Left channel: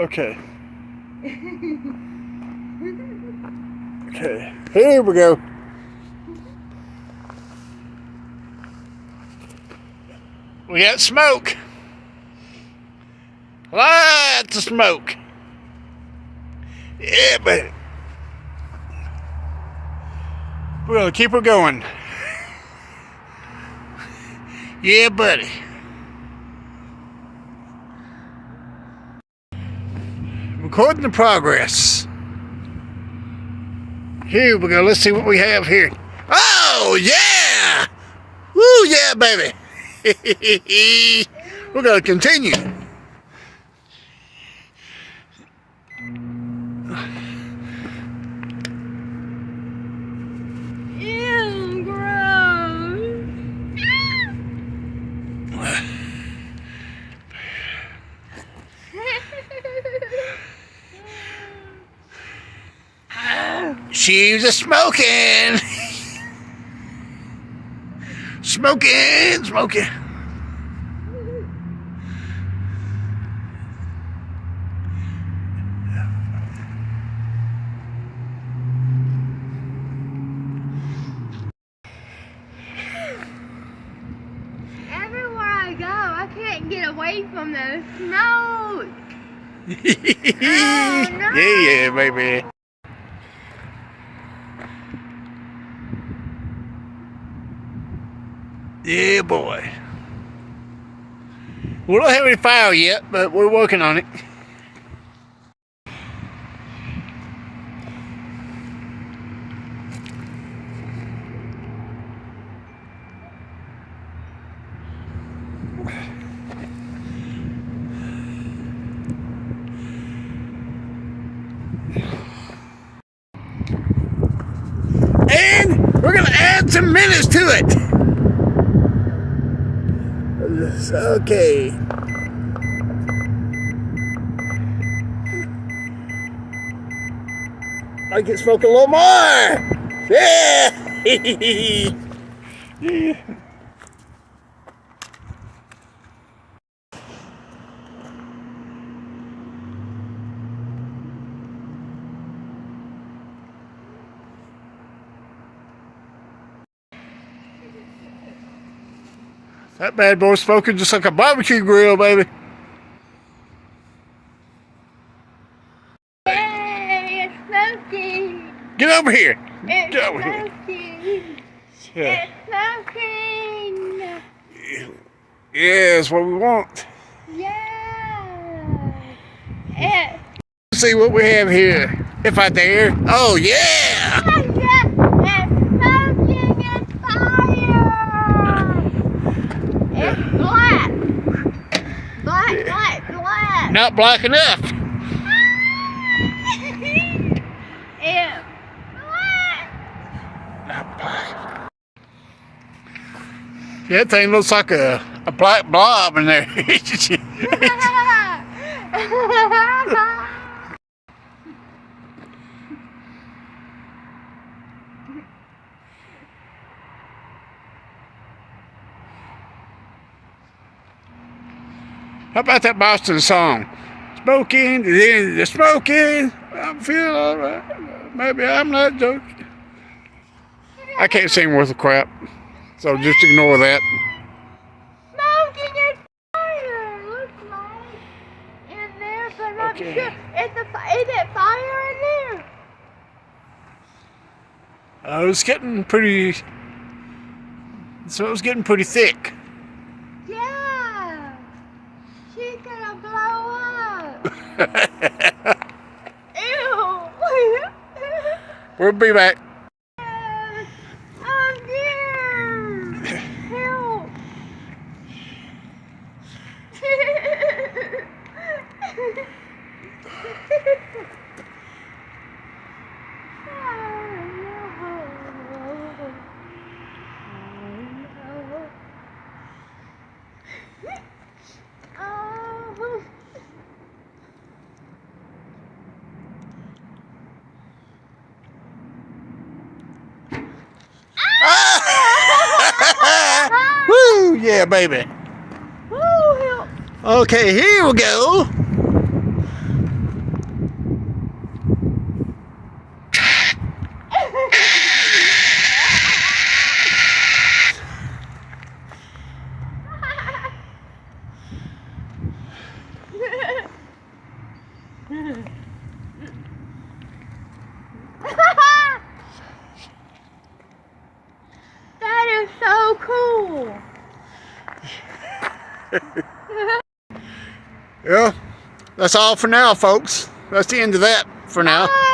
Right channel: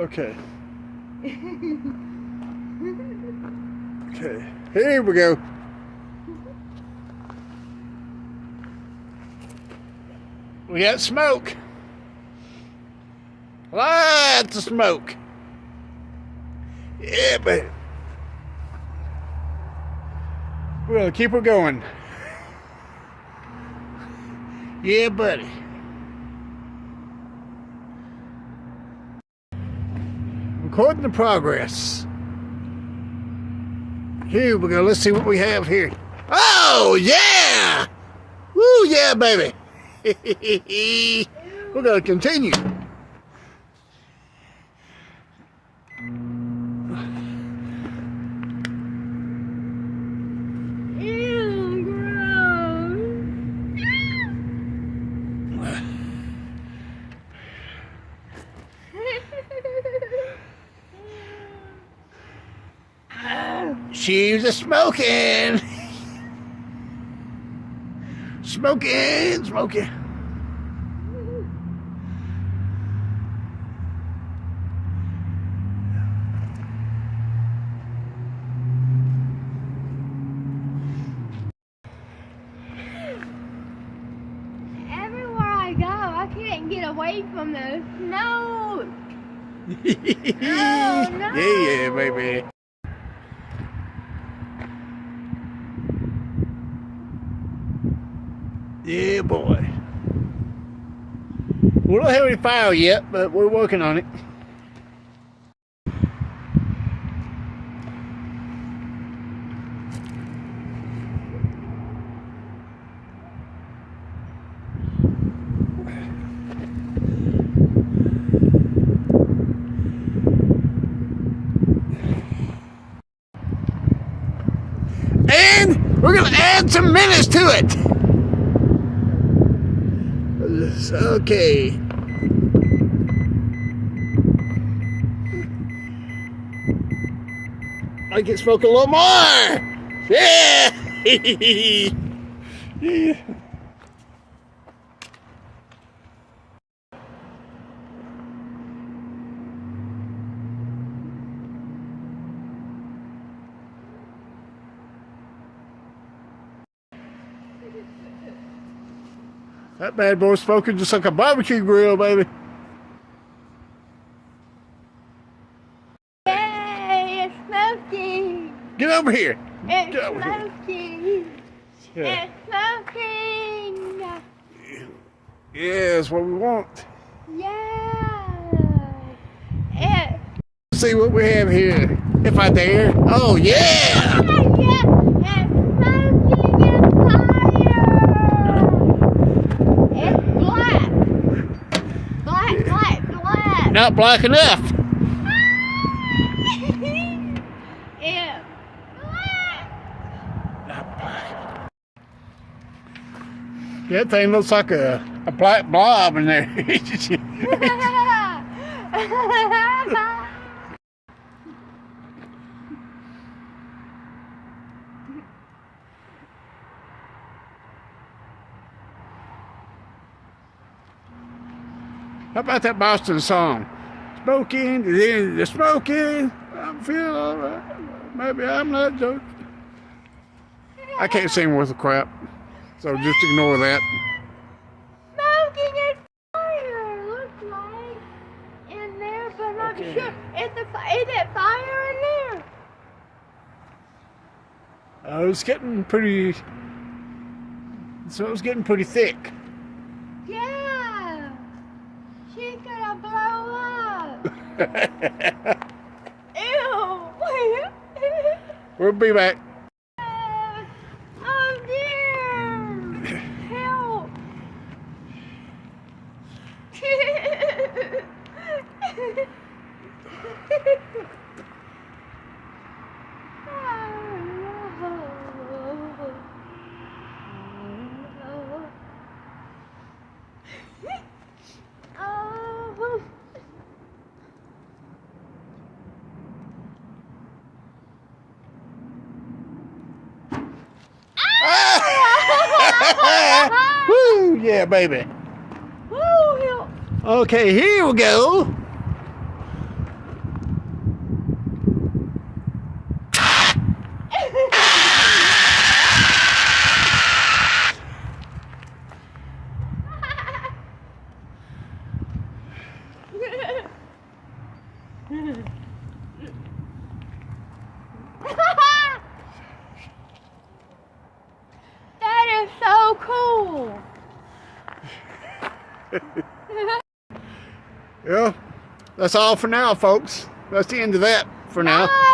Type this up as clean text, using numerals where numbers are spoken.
Okay. Okay. Here we go. We got smoke. Lots of smoke. Yeah, but we're gonna keep her going. Yeah, buddy. Recording the progress. Here we go. Let's see what we have here. Oh, yeah! Woo, yeah, baby. We're going to continue. Ew, gross. She's a smoking. Smoking. Everywhere I go, I can't get away from the smoke. Oh, no. Yeah, baby. Yeah, boy. We don't have any fire yet, but we're working on it. And we're gonna add some minutes to it. Okay. I can smoke a little more. Yeah. Yeah. That bad boy's smoking just like a barbecue grill, baby. Yay, it's smoking. Get over here. It's Get over here. smoking. Yeah. It's smoking. Yeah, that's what we want. Yeah. It's See what we have here, if I dare. Oh, yeah. smoking. It's fire. It's black. Black. Not black enough. It's black. Not black. Yeah, that thing looks like a black blob in there. How about that Boston song? Smoking, the smoking. I'm feeling all right. Maybe I'm not joking. I can't sing worth a crap, so just ignore that. Smoking is fire. Looks like in there, but I'm Okay. sure. Is it fire in there? It's getting pretty. So it was getting pretty thick. Yeah. She's gonna blow up. Ew. We'll be back. Oh dear. Help. Oh. Woo! Yeah, baby. Woo, Okay, here we go. That is so cool. Yeah, that's all for now, folks. That's the end of that for now. Bye.